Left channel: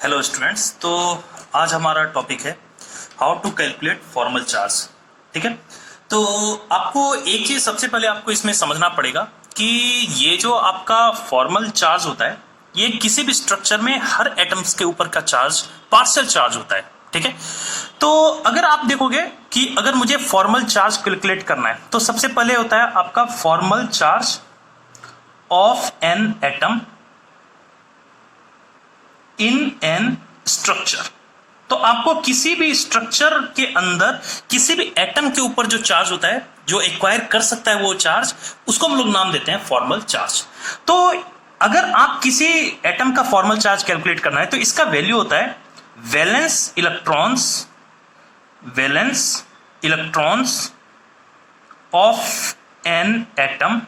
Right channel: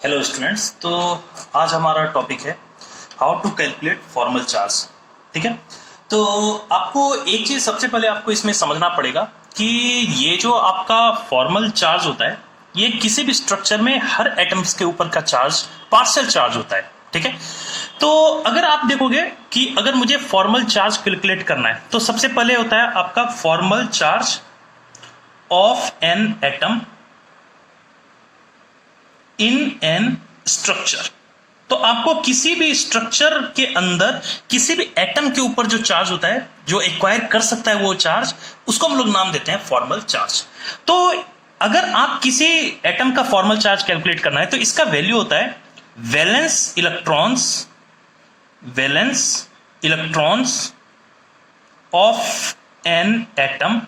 Hello students. तो आज हमारा टॉपिक है how to calculate formal charge. ठीक है, तो आपको एक चीज सबसे पहले आपको इसमें समझना पड़ेगा कि ये जो आपका फॉर्मल चार्ज होता है ये किसी भी स्ट्रक्चर में हर एटम्स के ऊपर का चार्ज पार्शियल चार्ज होता है। ठीक है, तो अगर आप देखोगे कि अगर मुझे फॉर्मल चार्ज कैलकुलेट करना है तो सबसे पहले होता है आपका formal charge of an atom in an structure. तो आपको किसी भी स्ट्रक्चर के अंदर किसी भी एटम के ऊपर जो चार्ज होता है, जो एक्वायर कर सकता है वो चार्ज, उसको हम लोग नाम देते हैं फॉर्मल चार्ज। तो अगर आप किसी एटम का फॉर्मल चार्ज कैलकुलेट करना है तो इसका वैल्यू होता है valence electrons of an atom.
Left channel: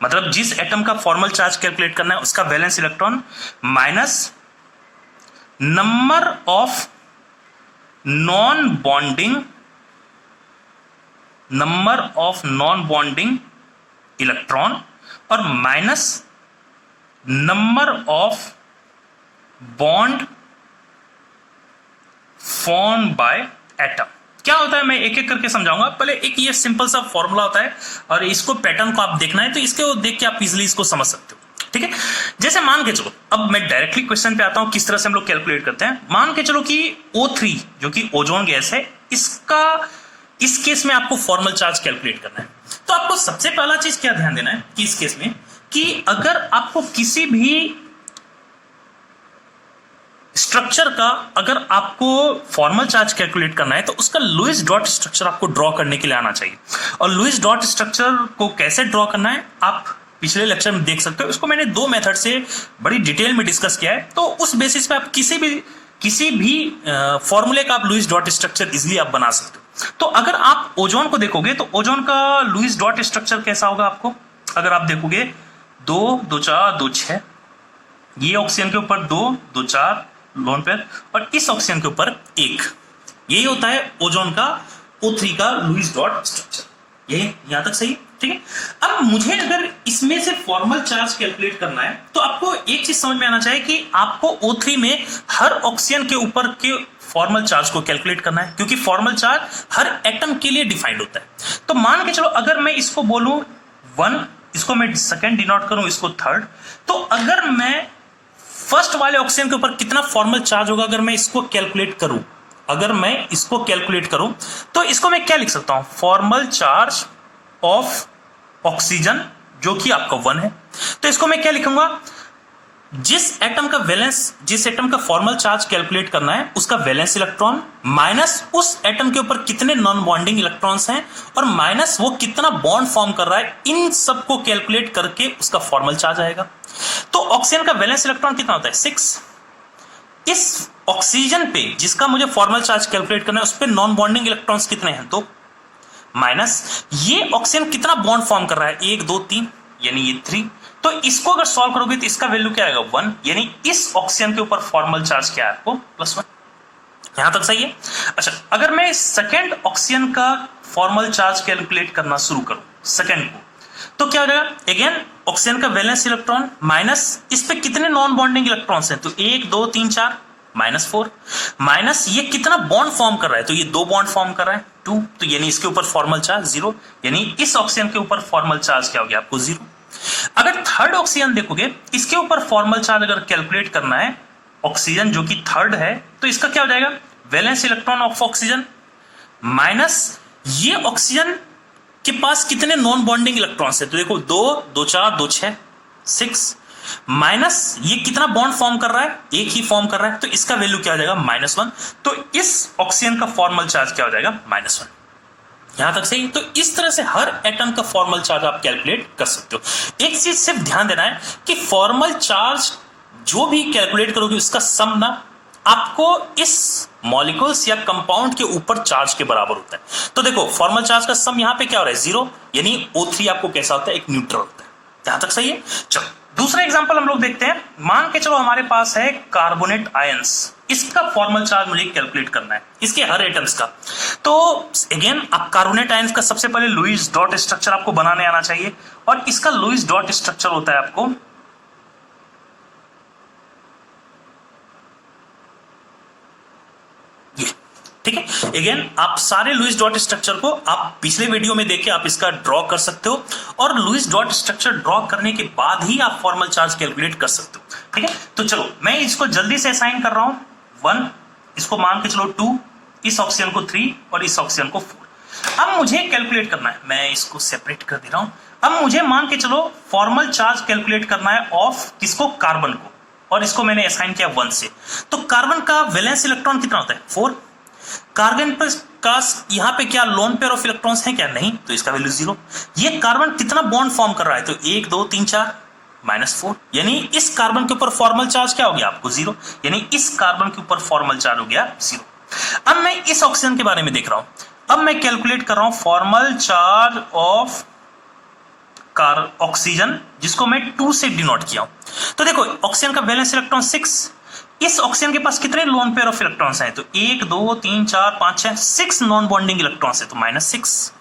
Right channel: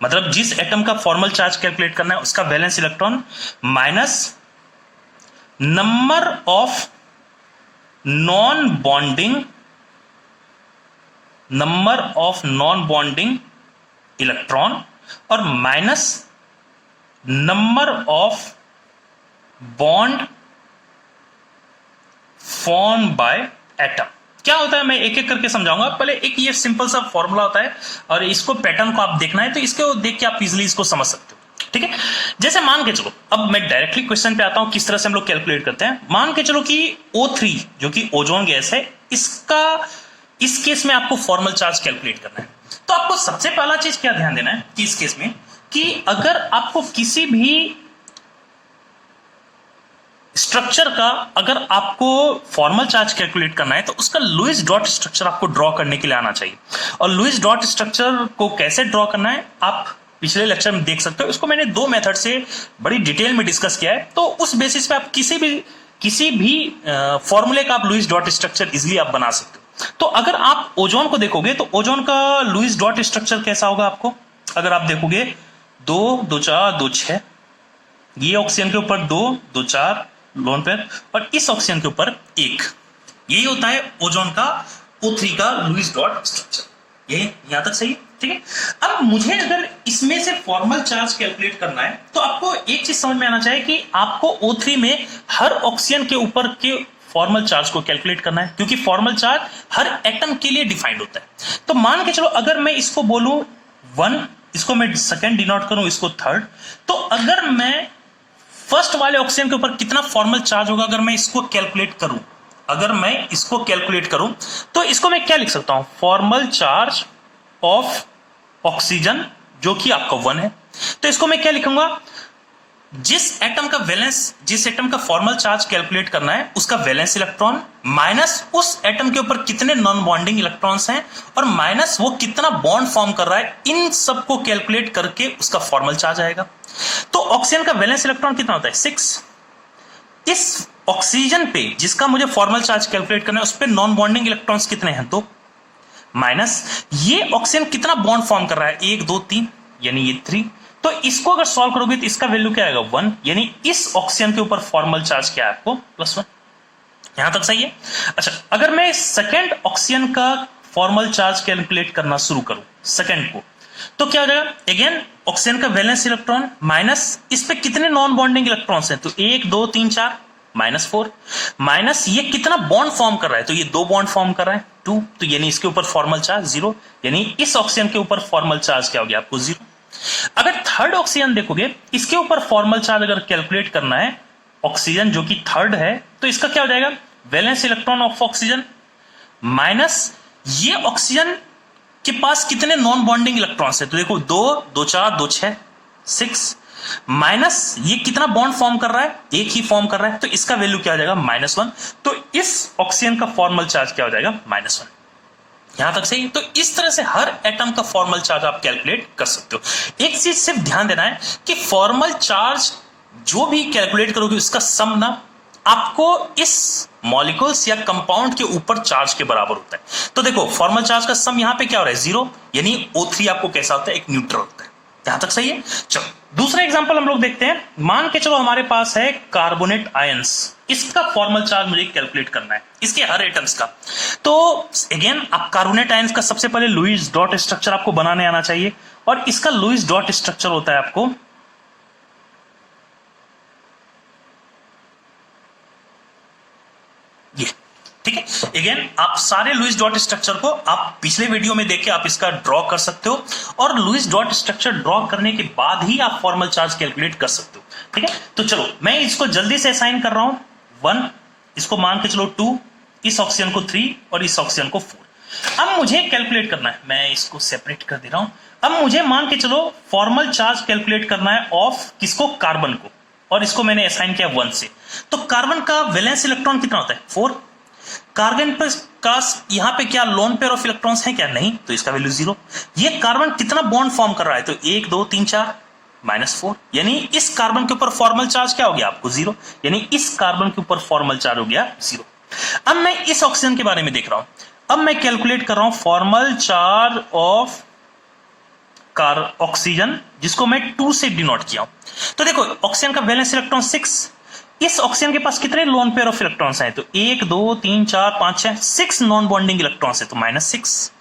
मतलब जिस एटम का फॉर्मल चार्ज कैलकुलेट करना है उसका valence electron minus number of non bonding electron और minus number of bond form by atom. क्या होता है मैं एक एक करके समझाऊंगा। पहले एक ये सिंपल सा फॉर्मूला होता है और इसको पैटर्न को आप देखना है तो इसको देख के आप इजीली इसको समझ सकते हो। ठीक है, जैसे मान के चलो, अब मैं डायरेक्टली क्वेश्चन पे आता हूं किस तरह से हम लोग कैलकुलेट करते हैं। मान के चलो कि O3 जो कि ओजोन गैस है, इसका इस केस में आपको फॉर्मल चार्ज कैलकुलेट करना है। तो आपको सबसे पहला चीज क्या ध्यान देना है कि इस केस में कि अगर आपको किसी भी स्ट्रक्चर का अगर आपको फॉर्मल चार्ज कैलकुलेट करना है तो उसका लुईस डॉट स्ट्रक्चर आपको ड्रॉ करने के लिए आना चाहिए। और लुईस डॉट स्ट्रक्चर को कैसे ड्रॉ करना है आप पिछले लेक्चर में देख सकते हो। इसको मैंने दो मेथड से बड़ी डिटेल में डिस्कस किया है, तो उस बेसिस पे आप किसी भी फॉर्मूले का आप लुईस डॉट स्ट्रक्चर इजिली आप बना सकते हो। तो अगर आप ओजोन को देखोगे तो ओजोन का लुईस डॉट स्ट्रक्चर कैसा होगा आपको, अगर आप देखोगे 2 2 4 2 6, ये ऑक्सीजन के ऊपर 2 2 4 लोन पेयर और इस ऑक्सीजन के ऊपर 1, यही होता है ओजोन का O3 का लुईस डॉट स्ट्रक्चर। यही यहां तक सही। ठीक है, अब मुझे अगर इसमें से फॉर्मल चार्ज कैलकुलेट करना है तो आपको एक चीज समझ में आना चाहिए कि आपको O3 में हर ऑक्सीजन के ऊपर के फॉर्मल चार्ज को कैलकुलेट करना है, क्योंकि फॉर्मल चार्ज हर एटम के लिए डिफाइंड होता है। तो मान के चलो अगर मैं इसको बोलूं 1, इसको मैं सेकंड डिनोट करूं, इसको थर्ड, तो अगर मैं फर्स्ट वाले ऑक्सीजन के ऊपर कितना फॉर्मल चार्ज होगा अगर मैं इसको कैलकुलेट करूं, तो इसको मैं क्या लिख सकता हूं, फॉर्मल चार्ज ऑफ ऑक्सीजन जो कि आपका 1 है। तो इसको मैं क्या लिखूंगा, जिस एटम का फॉर्मल चार्ज कैलकुलेट करना है उसका वैलेंस इलेक्ट्रॉन माइनस उस एटम के ऊपर कितने नॉन बॉन्डिंग इलेक्ट्रॉन्स हैं और माइनस वो कितना बॉन्ड फॉर्म कर रहा है, इन सब को कैलकुलेट करके उसका फॉर्मल चार्ज आएगा। तो ऑक्सीजन का वैलेंस इलेक्ट्रॉन कितना होता है 6। इस ऑक्सीजन पे जिसका मुझे फॉर्मल चार्ज कैलकुलेट करना है उस पे नॉन बॉन्डिंग इलेक्ट्रॉन्स कितने हैं 2, माइनस ये ऑक्सीजन कितना बॉन्ड फॉर्म कर रहा है 1 2 3, यानी ये 3। तो इसको अगर सॉल्व करोगे तो इसका वैल्यू क्या आएगा 1, यानी इस ऑक्सीजन के ऊपर फॉर्मल चार्ज क्या है आपको +1। यहां तक सही है। अच्छा, अगर मैं सेकेंड ऑक्सीजन का फॉर्मल चार्ज कैलकुलेट करना शुरू करूं सेकेंड को, तो क्या हो जाएगा, अगेन ऑक्सीजन का वैलेंस इलेक्ट्रॉन माइनस इस पे कितने नॉन बॉन्डिंग इलेक्ट्रॉन्स हैं, तो 1 2 3 4 -4, माइनस ये कितना बॉन्ड फॉर्म कर रहा है, तो ये 2 बॉन्ड फॉर्म कर रहा है 2, तो यानी इसके ऊपर फॉर्मल चार्ज 0, यानी इस ऑक्सीजन के ऊपर फॉर्मल चार्ज क्या हो गया आपको 0। अगर थर्ड ऑक्सीजन देखोगे, इसके ऊपर फॉर्मल चार्ज अगर कैलकुलेट करना है ऑक्सीजन जो कि थर्ड है, तो इसका क्या हो जाएगा, valence electron of oxygen minus ये ऑक्सीजन के पास कितने नॉन बॉन्डिंग इलेक्ट्रॉन्स है, तो देखो 2 2 4 2 6 6, माइनस ये कितना बॉन्ड फॉर्म कर रहा है, एक ही फॉर्म कर रहा है, तो इसका वैल्यू क्या हो जाएगा -1। तो इस ऑक्सीजन का फॉर्मल चार्ज क्या हो जाएगा -1। यहां तक सही। तो इस तरह से हर एटम का फॉर्मल चार्ज आप कैलकुलेट कर सकते हो। एक चीज सिर्फ ध्यान देना है कि फॉर्मल चार्ज जो भी कैलकुलेट करोगे उसका सम ना आपको इस मॉलिक्यूल्स या कंपाउंड के ऊपर चार्ज के बराबर होता है। तो देखो फॉर्मल चार्ज का सम यहां पे क्या हो रहा है 0, यानी O3 आपको कैसा होता है, एक न्यूट्रल होता है। यहां तक सही है। चलो दूसरा एग्जांपल हम लोग देखते हैं। मान के चलो हमारे पास है कार्बोनेट आयंस, इसका फॉर्मल चार्ज मुझे कैलकुलेट करना है, इसके हर एटम्स का। तो अगेन आप कार्बोनेट आयंस का सबसे पहले लुईस डॉट स्ट्रक्चर आपको बनाने आना चाहिए, और इसका लुईस डॉट स्ट्रक्चर होता है आपको ठीक है। अगेन आप सारे लुईस डॉट स्ट्रक्चर को आप पिछले वीडियो में देखे आप इसका ड्रॉ कर सकते हो, और लुईस डॉट स्ट्रक्चर ड्रॉ करने के बाद ही आप फॉर्मल चार्ज कैलकुलेट कर सकते हो। ठीक है, तो चलो मैं इसको जल्दी से असाइन कर रहा हूं 1, इसको मान के चलो 2, इस ऑक्सीजन को 3 और इस ऑक्सीजन को 4। अब मुझे कैलकुलेट करना है, मैं इसको सेपरेट कर दे रहा हूं। अब मुझे मान के चलो फॉर्मल चार्ज कैलकुलेट करना है ऑफ किसको, कार्बन को, और इसको मैंने असाइन किया 1 से। तो कार्बन का वैलेंस इलेक्ट्रॉन कितना होता है 4। कार्बन पर का यहां पे क्या लोन पेयर ऑफ इलेक्ट्रॉन्स है क्या, नहीं, तो इसका वैल्यू 0। ये कार्बन कितना बॉन्ड फॉर्म कर रहा है, तो 1 2 3 4 -4, यानी इस कार्बन के ऊपर फॉर्मल चार्ज क्या हो गया आपको 0, यानी इस कार्बन के ऊपर फॉर्मल चार्ज हो गया 0। अब मैं इस ऑक्सीजन के बारे में देख रहा हूं, अब मैं कैलकुलेट कर रहा हूं फॉर्मल चार्ज ऑफ ऑक्सीजन, जिसको मैं 2 से डिनोट किया हूं। तो देखो ऑक्सीजन का वैलेंस इलेक्ट्रॉन 6, इस ऑक्सीजन के पास कितने लोन पेयर ऑफ इलेक्ट्रॉन्स हैं, तो 1 2 3 4 5 6 6 नॉन बॉन्डिंग इलेक्ट्रॉन्स है, तो -6।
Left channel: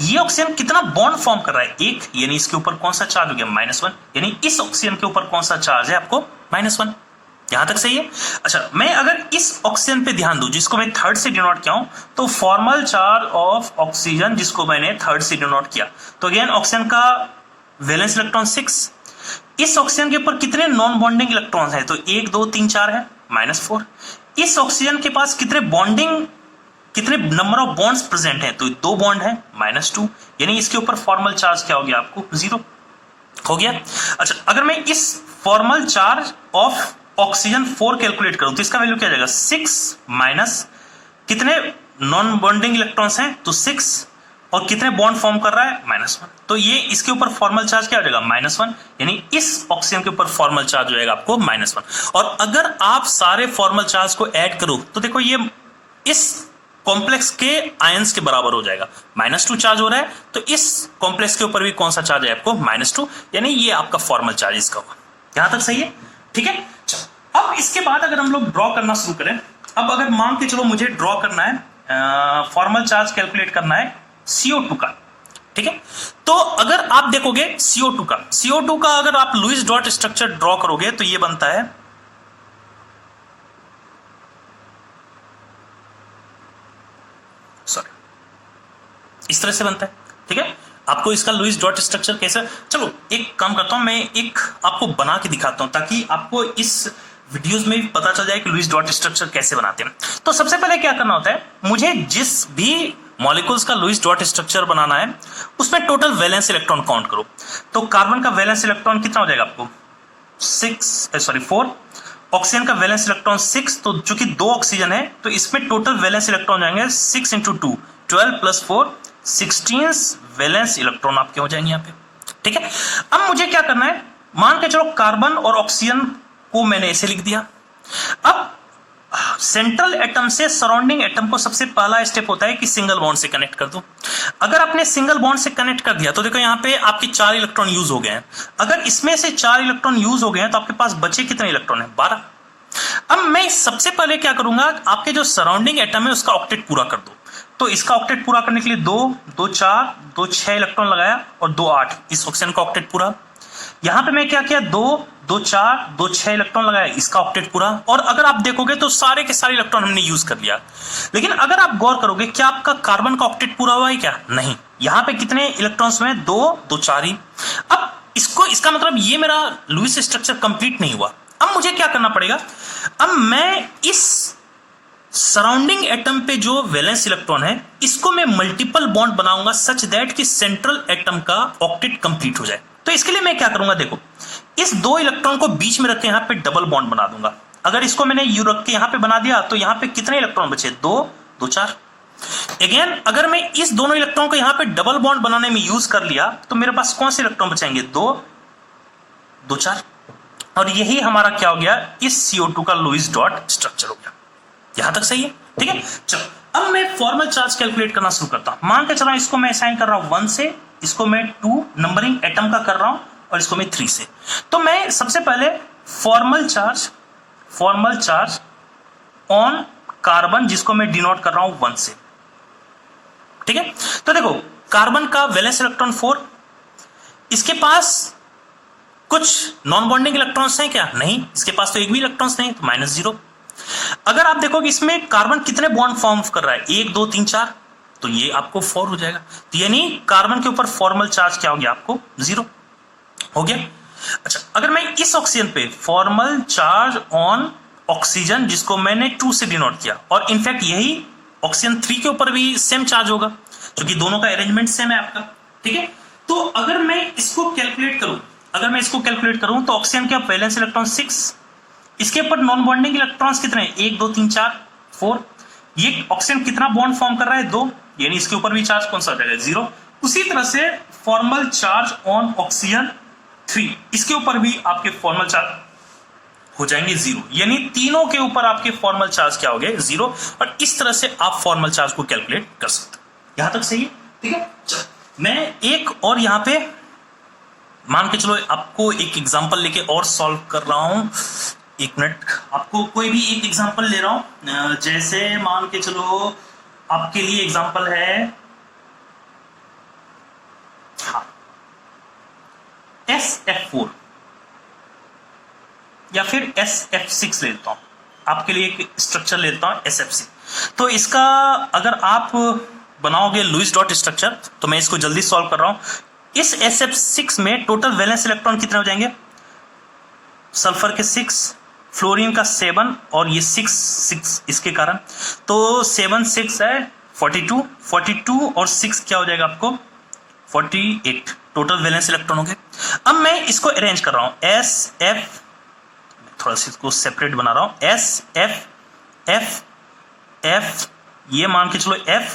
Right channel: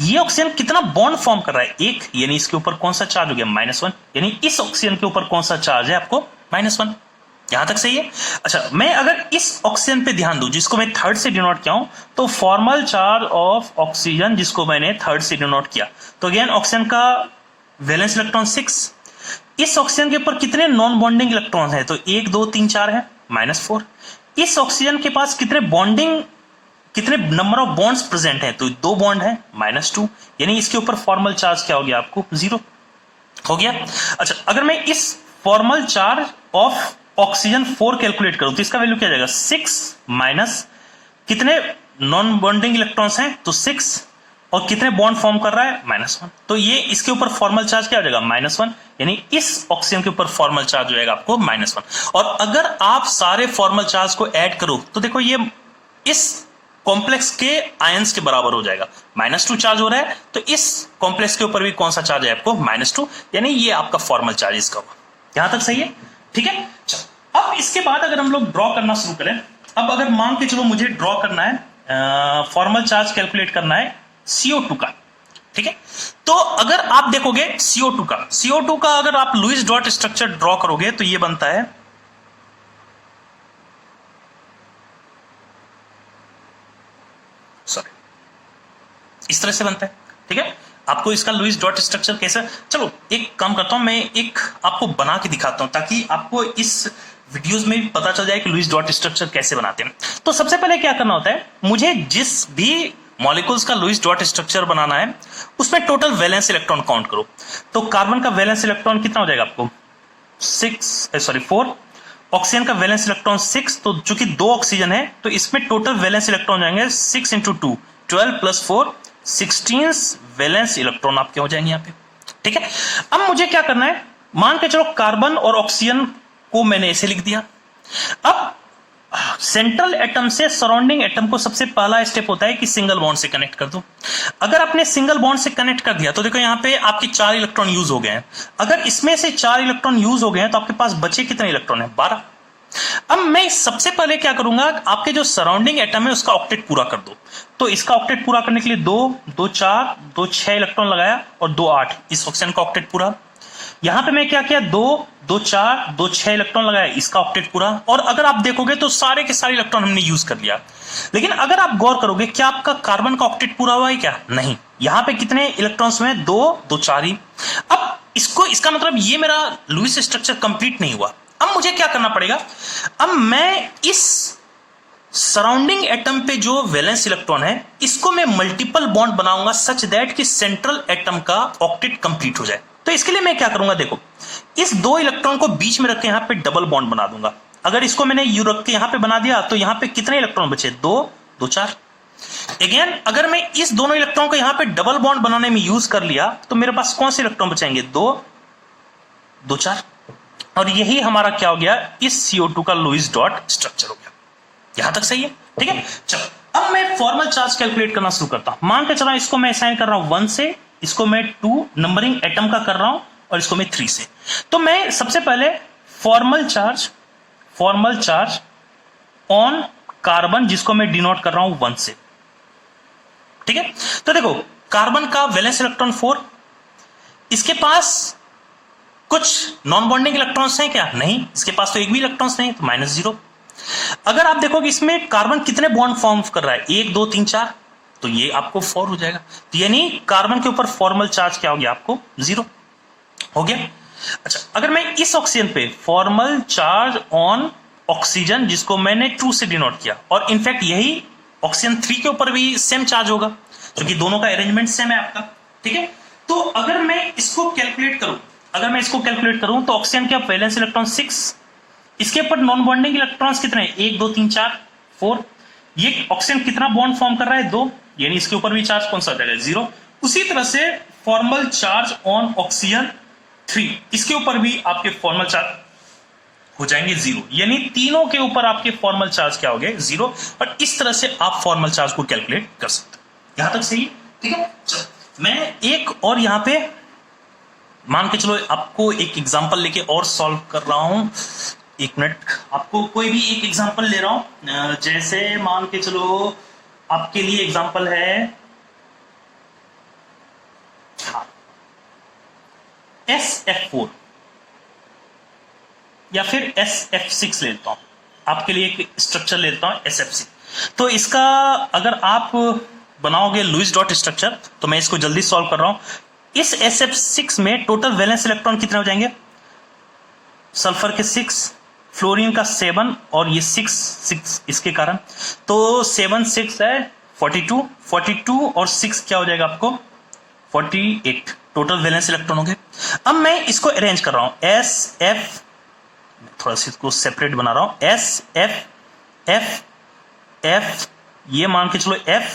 ये ऑक्सीजन कितना बॉन्ड फॉर्म कर रहा है 1, यानी इसके ऊपर कौन सा चार्ज हो गया -1, यानी इस ऑक्सीजन के ऊपर कौन सा चार्ज है आपको -1। यहां तक सही है। अच्छा, मैं अगर इस ऑक्सीजन पे ध्यान दूं जिसको मैं 3rd से डिनोट किया हूं, तो फॉर्मल चार्ज ऑफ ऑक्सीजन जिसको मैंने 3rd से डिनोट किया, तो अगेन ऑक्सीजन का वैलेंस इलेक्ट्रॉन 6, इस ऑक्सीजन के ऊपर कितने नॉन बॉन्डिंग इलेक्ट्रॉन्स हैं, तो 1 2 3 4 है, -4। इस ऑक्सीजन के पास कितने बॉन्डिंग, कितने नंबर ऑफ बॉन्ड्स प्रेजेंट हैं, तो 2 बॉन्ड है, -2, यानी इसके ऊपर फॉर्मल चार्ज क्या हो गया आपको 0 हो गया। अच्छा, अगर मैं इस formal charge of oxygen 4 calculate करूं, तो इसका वैल्यू क्या जाएगा 6 माइनस कितने नॉन बॉन्डिंग इलेक्ट्रॉन्स हैं, तो 6, और कितने बॉन्ड फॉर्म कर रहा है -1, तो ये इसके ऊपर फॉर्मल चार्ज क्या हो जाएगा -1, यानी इस ऑक्सीजन के ऊपर फॉर्मल चार्ज हो जाएगा आपको -1। और अगर आप सारे फॉर्मल चार्ज को ऐड करो तो देखो ये इस कॉम्प्लेक्स के आयंस के बराबर हो जाएगा, -2 चार्ज हो रहा है, तो इस कॉम्प्लेक्स के ऊपर भी कौन सा चार्ज है आपको -2, यानी ये आपका फॉर्मल चार्ज इसका होगा। यहां तक सही है, ठीक है। चलो अब इसके बाद अगर हम लोग ड्रॉ करना शुरू करें, अब अगर मान के चलो मुझे ड्रॉ करना है फॉर्मल चार्ज कैलकुलेट करना है CO2 का, ठीक है। तो अगर आप देखोगे CO2 का अगर आप लुईस डॉट स्ट्रक्चर ड्रॉ करोगे तो ये बनता है इस तरह से बनता है, ठीक है। आपको इसका लुईस डॉट स्ट्रक्चर कैसे, चलो एक काम करता हूं, मैं एक आपको बना के दिखाता हूं ताकि आपको इस वीडियोस में भी पता चल जाए कि लुईस डॉट स्ट्रक्चर कैसे बनाते हैं। तो सबसे पहले क्या करना होता है, मुझे जिस भी मॉलिक्यूल्स का लुईस डॉट स्ट्रक्चर बनाना है उसमें टोटल वैलेंस इलेक्ट्रॉन काउंट करो। तो कार्बन का वैलेंस इलेक्ट्रॉन कितना हो जाएगा आपको 4, ऑक्सीजन का वैलेंस इलेक्ट्रॉन 6, तो चूंकि 2 ऑक्सीजन है तो इसमें टोटल वैलेंस इलेक्ट्रॉन जाएंगे 6 × 2 12 + 4 16 वैलेंस इलेक्ट्रॉन आपके हो जाएंगे यहाँ पे, ठीक है। अब मुझे क्या करना है, मान के चलो कार्बन और ऑक्सीजन को मैंने ऐसे लिख दिया। अब सेंट्रल एटम से सराउंडिंग एटम को सबसे पहला स्टेप होता है कि सिंगल बॉन्ड से कनेक्ट कर दो। अगर आपने सिंगल बॉन्ड से कनेक्ट कर दिया तो देखो यहाँ पे आपके 4 इलेक्ट्रॉन यूज हो गए हैं। अगर इसमें से 4 इलेक्ट्रॉन यूज हो गए हैं तो आपके पास बचे कितने इलेक्ट्रॉन है 12। अब मैं सबसे पहले क्या करूंगा, आपके जो सराउंडिंग एटम है उसका ऑक्टेट पूरा कर दो। तो इसका ऑक्टेट पूरा करने के लिए 2 2 4 2 6 इलेक्ट्रॉन लगाया और 2 8, इस ऑक्सीजन का ऑक्टेट पूरा। यहां पे मैं क्या किया 2 2 4 2 6 इलेक्ट्रॉन लगाया, इसका ऑक्टेट पूरा। और अगर आप देखोगे तो सारे के सारे इलेक्ट्रॉन हमने यूज कर लिया। लेकिन अगर आप गौर करोगे क्या आपका कार्बन का ऑक्टेट पूरा हुआ है क्या, नहीं। यहां पे कितने इलेक्ट्रॉन्स हुए 2 2 4 ही। अब इसका मतलब ये मेरा लुईस स्ट्रक्चर कंप्लीट नहीं हुआ। अब मुझे क्या करना पड़ेगा, अब मैं इस सराउंडिंग एटम पे जो वैलेंस इलेक्ट्रॉन है इसको मैं मल्टीपल बॉन्ड बनाऊंगा सच दैट कि सेंट्रल एटम का ऑक्टेट कंप्लीट हो जाए। तो इसके लिए मैं क्या करूंगा, देखो इस 2 इलेक्ट्रॉन को बीच में रख के यहां पे डबल बॉन्ड बना दूंगा। अगर इसको मैंने यू रख के यहां पे बना दिया तो यहां पे कितने इलेक्ट्रॉन बचे 2 2 4। अगेन अगर मैं इस दोनों इलेक्ट्रॉन को यहां पे डबल बॉन्ड बनाने में यूज कर लिया तो मेरे पास कौन से इलेक्ट्रॉन बचेंगे 2 2 4। और यही हमारा क्या हो गया, इस CO2 का लुईस डॉट स्ट्रक्चर हो गया। यहां तक सही है, ठीक है। चलो अब मैं फॉर्मल चार्ज कैलकुलेट करना शुरू करता हूं। मान के चला इसको मैं असाइन कर रहा हूं 1 से, इसको मैं 2 नंबरिंग एटम का कर रहा हूं और इसको मैं 3 से। तो मैं सबसे पहले फॉर्मल चार्ज ऑन कार्बन जिसको मैं डिनोट कर रहा हूं 1 से, ठीक है। तो देखो कार्बन का वैलेंस इलेक्ट्रॉन 4, इसके पास कुछ नॉन बॉन्डिंग इलेक्ट्रॉन्स हैं क्या, नहीं, इसके पास तो एक भी इलेक्ट्रॉन्स नहीं, तो -0। अगर आप देखोगे इसमें कार्बन कितने बॉन्ड फॉर्म कर रहा है, 1 2 3 4, तो ये आपको 4 हो जाएगा। तो यानी कार्बन के ऊपर फॉर्मल चार्ज क्या हो गया आपको 0 हो गया। अच्छा, अगर मैं इस ऑक्सीजन पे फॉर्मल चार्ज ऑन ऑक्सीजन, जिसको मैंने 2 से डिनोट किया, और इनफैक्ट यही ऑक्सीजन 3 के ऊपर भी सेम चार्ज होगा क्योंकि दोनों का अरेंजमेंट सेम है आपका, ठीक है। तो अगर मैं इसको कैलकुलेट करूं, तो ऑक्सीजन के वैलेंस इलेक्ट्रॉन 6, इसके ऊपर नॉन बॉन्डिंग इलेक्ट्रॉन्स कितने, 1 2 3 4 4। ये ऑक्सीजन कितना बॉन्ड फॉर्म कर रहा है, 2, यानी इसके ऊपर भी चार्ज कौन सा आ जाएगा, 0। उसी तरह से फॉर्मल चार्ज ऑन ऑक्सीजन 3, इसके ऊपर भी आपके फॉर्मल चार्ज हो जाएंगे 0, यानी तीनों के ऊपर आपके फॉर्मल चार्ज क्या हो गए 0। और इस तरह से आप फॉर्मल चार्ज को कैलकुलेट कर सकते हो। यहां तक सही है, ठीक है। चलो मैं एक और यहां पे मान के चलो आपको एक एग्जांपल लेके और सॉल्व कर रहा हूं। 1 मिनट, आपको कोई भी एक एग्जांपल ले रहा हूं। जैसे मान के चलो आपके लिए एग्जांपल है, हाँ, SF4 या फिर SF6 लेता हूं, आपके लिए एक स्ट्रक्चर लेता हूं SF6। तो इसका अगर आप बनाओगे लुईस डॉट स्ट्रक्चर, तो मैं इसको जल्दी सॉल्व कर रहा हूं। इस SF6 में टोटल वैलेंस इलेक्ट्रॉन कितने हो जाएंगे, सल्फर के 6, फ्लोरीन का 7 और ये 6 इसके कारण, तो 7 6 है 42 और 6 क्या हो जाएगा आपको 48 टोटल वैलेंस इलेक्ट्रॉन हो गए। अब मैं इसको अरेंज कर रहा हूं, SF, थोड़ा सा इसको सेपरेट बना रहा हूं, SF ये मान के चलो F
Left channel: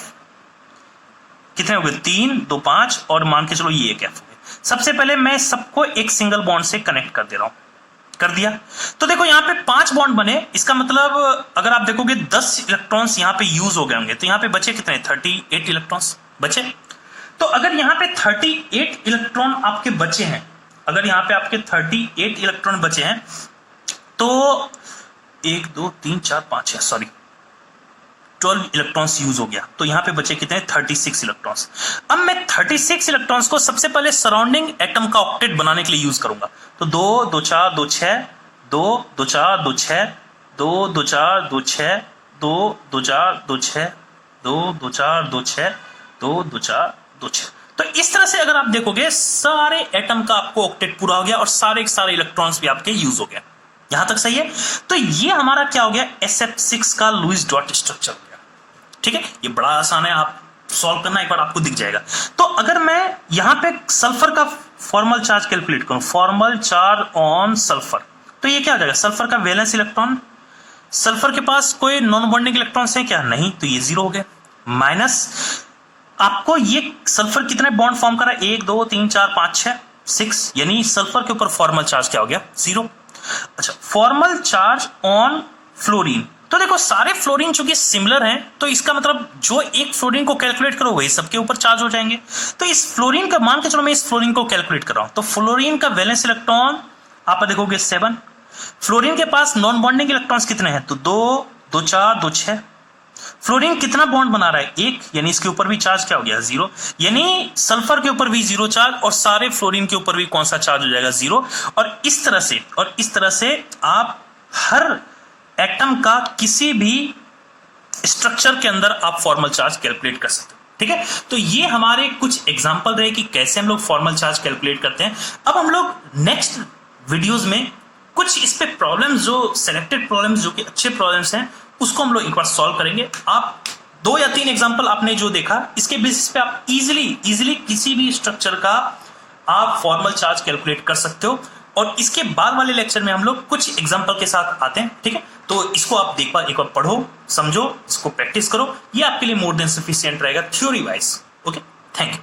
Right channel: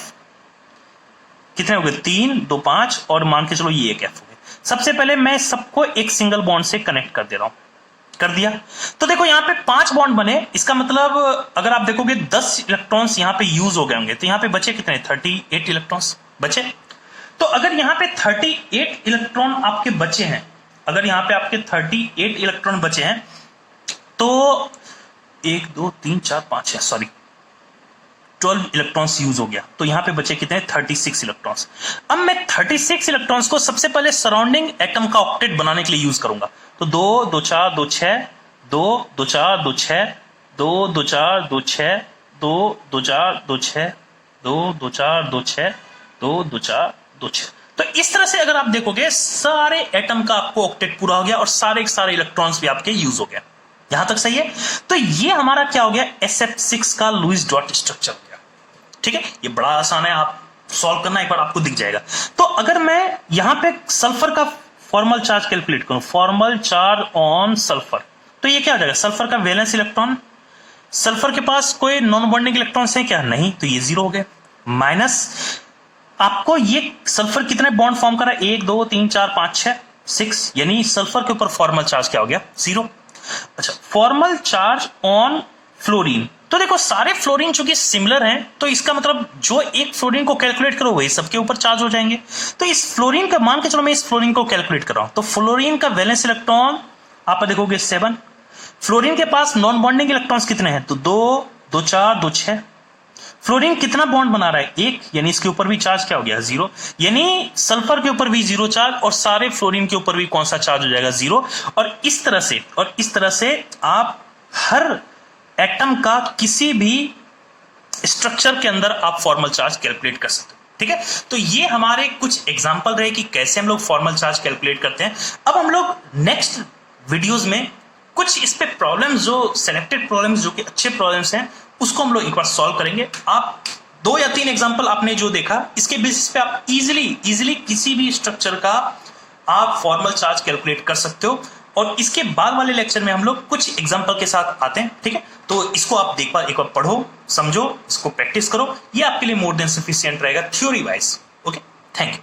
कितने हो गए, 3 2 5, और मान के चलो ये एक F हो गए। सबसे पहले मैं सबको एक सिंगल बॉन्ड से कनेक्ट कर दे रहा हूं, कर दिया। तो देखो यहां पे 5 बॉन्ड बने, इसका मतलब अगर आप देखोगे 10 इलेक्ट्रॉन्स यहां पे यूज हो गए होंगे, तो यहां पे बचे कितने, 38 इलेक्ट्रॉन्स बचे। तो अगर यहां पे 38 इलेक्ट्रॉन आपके बचे हैं, अगर यहां पे आपके 38 इलेक्ट्रॉन बचे हैं, तो 1 2 3 4 5 6 सॉरी 12 इलेक्ट्रॉन्स यूज हो गया, तो यहां पे बचे कितने, 36 इलेक्ट्रॉन्स। अब मैं 36 इलेक्ट्रॉन्स को सबसे पहले सराउंडिंग एटम का ऑक्टेट बनाने के लिए यूज करूंगा। तो 2 2 4 2 6 2 2 4 2 6 2 2 4 2 6 2 2 4 2 6 2 2 4 2 6 2 2 4 2 6। तो इस तरह से अगर आप देखोगे सारे एटम का आपको ऑक्टेट पूरा हो गया और सारे इलेक्ट्रॉन्स भी आपके यूज हो गया। यहां तक सही है। तो ये हमारा क्या हो गया, SF6 का लुईस डॉट स्ट्रक्चर हो गया, ठीक है। ये बड़ा आसान है, आप सॉल्व करना, एक बार आपको दिख जाएगा। तो अगर मैं यहां पे सल्फर का फॉर्मल चार्ज कैलकुलेट करूं, फॉर्मल चार्ज ऑन सल्फर, तो ये क्या हो जाएगा, सल्फर का वैलेंस इलेक्ट्रॉन, सल्फर के पास कोई नॉन बॉन्डिंग इलेक्ट्रॉन्स है क्या, नहीं, तो ये 0 हो गया। माइनस आपको ये सल्फर कितने बॉन्ड फॉर्म कर रहा है, 1 2 3 4 5 6 6, यानी सल्फर के ऊपर फॉर्मल चार्ज क्या हो गया, 0। अच्छा, फॉर्मल चार्ज ऑन फ्लोरीन, तो देखो सारे फ्लोरीन चूंकि सिमिलर हैं, तो इसका मतलब जो एक फ्लोरीन को कैलकुलेट करो वही सबके ऊपर चार्ज हो जाएंगे। तो इस फ्लोरीन का मान के चलो मैं इस फ्लोरीन को कैलकुलेट कर रहा हूं, तो फ्लोरीन का वैलेंस इलेक्ट्रॉन आप देखोगे 7, फ्लोरीन के पास नॉन बॉन्डिंग इलेक्ट्रॉन्स कितने हैं, तो 2 2 4 2 6। फ्लोरीन कितना बॉन्ड बना रहा है, 1, यानी इसके ऊपर भी चार्ज क्या हो गया, 0, यानी सल्फर के ऊपर भी 0 चार्ज और सारे फ्लोरीन के ऊपर भी कौन सा चार्ज हो जाएगा, 0। और इस तरह से आप हर एटम का किसी भी स्ट्रक्चर के अंदर आप फॉर्मल चार्ज कैलकुलेट कर सकते हो, ठीक है। तो ये हमारे कुछ एग्जांपल रहे कि कैसे हम लोग फॉर्मल चार्ज कैलकुलेट करते हैं। अब हम लोग नेक्स्ट वीडियोस में कुछ इस पे प्रॉब्लम्स, जो सिलेक्टेड प्रॉब्लम्स, जो कि अच्छे प्रॉब्लम्स हैं, उसको हम लोग एक बार सॉल्व करेंगे। आप 2 या 3 एग्जांपल आपने जो देखा, इसके बेसिस पे आप इजीली किसी भी स्ट्रक्चर का आप फॉर्मल चार्ज कैलकुलेट कर सकते हो। और इसके बाद वाले लेक्चर में हम लोग कुछ एग्जांपल के साथ आते हैं, ठीक है। तो इसको आप एक बार पढ़ो, समझो, इसको प्रैक्टिस करो, ये आपके लिए मोर देन सफिशिएंट रहेगा theory wise. Okay, thank you.